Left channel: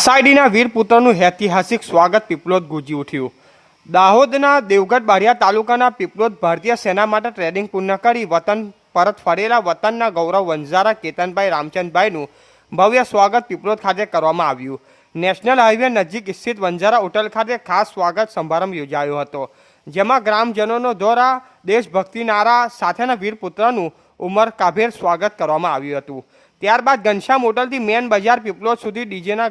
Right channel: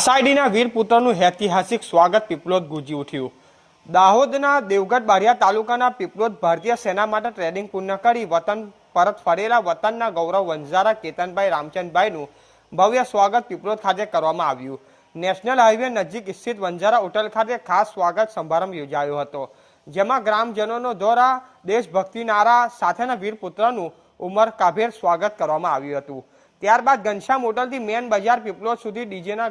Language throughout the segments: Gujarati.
આષાઢીના વીરપુત્રનું ઐતિહાસિક સ્વાગત પીપલોદ ગુંજી ઉઠ્યું। દાહોદના દેવગઢ બારિયા તાલુકાના પીપલોદ ભારતીય સેના માટે ટ્રેનિંગ પૂર્ણ કરી વતન પરત ફરેલા વતનના ગૌરવ વંજારા કેતનભાઈ રામચંદભાઈનું ભવ્ય સ્વાગત પીપલોદ ખાતે કરવામાં આવ્યું। નેશનલ હાઈવે નજીક સ્થિત વંજારા હોટલ ખાતે ખાસ સ્વાગત સમારંભ યોજાયો હતો, જેમાં ગ્રામજનોનો દ્વારા દેશભક્તિ નારા સાથેના વીરપુત્રનું ઉમરકાભેર સ્વાગત કરવામાં આવ્યું હતું। ત્યારબાદ ઘનશ્યામ હોટલથી મેન બજાર પીપલોદ સુધી ડીજેના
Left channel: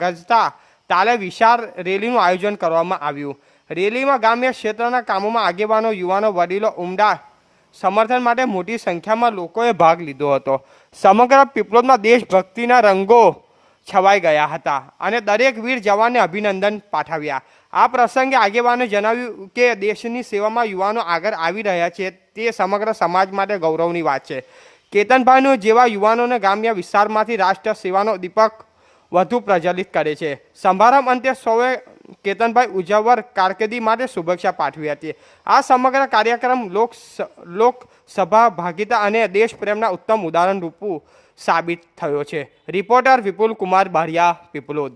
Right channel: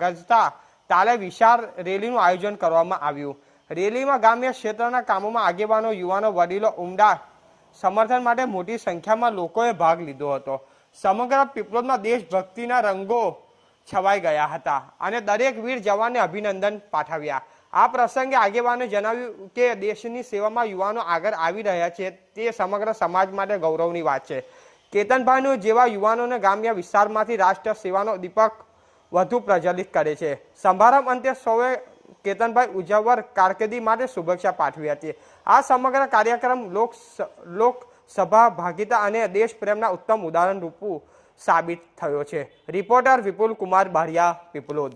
ગજતા તાલે વિશાળ રેલીનું આયોજન કરવામાં આવ્યું। રેલીમાં ગ્રામ્ય ક્ષેત્રના કામોમાં આગેવાનો, યુવાનો, વડીલો ઉમદા સમર્થન માટે મોટી સંખ્યામાં લોકોએ ભાગ લીધો હતો। સમગ્ર પીપલોદમાં દેશભક્તિના રંગો છવાઈ ગયા હતા અને દરેક વીર જવાનને અભિનંદન પાઠવ્યા। આ પ્રસંગે આગેવાનોએ જણાવ્યું કે દેશની સેવામાં યુવાનો આગળ આવી રહ્યા છે તે સમગ્ર સમાજ માટે ગૌરવની વાત છે। કેતનભાઈનું જેવા યુવાનોને ગ્રામ્ય વિસ્તારમાંથી રાષ્ટ્ર સેવાનો દીપક વધુ પ્રજ્વલિત કરે છે। સમારંભ અંતે સૌએ કેતનભાઈ ઉજ્જવળ કારકિર્દી માટે શુભેચ્છા પાઠવી હતી। આ સમગ્ર કાર્યક્રમ લોકસભા ભાગીતા અને દેશપ્રેમના ઉત્તમ ઉદાહરણ રૂપું સાબિત થયો છે। રિપોર્ટર વિપુલ કુમાર બારિયા, પીપલોદ।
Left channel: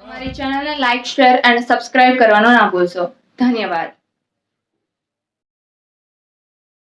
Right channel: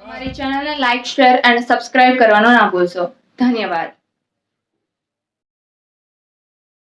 અમારી ચેનલને લાઈક, શેર અને સબસ્ક્રાઇબ કરવાનું ના ભૂલશો। ધન્યવાદ।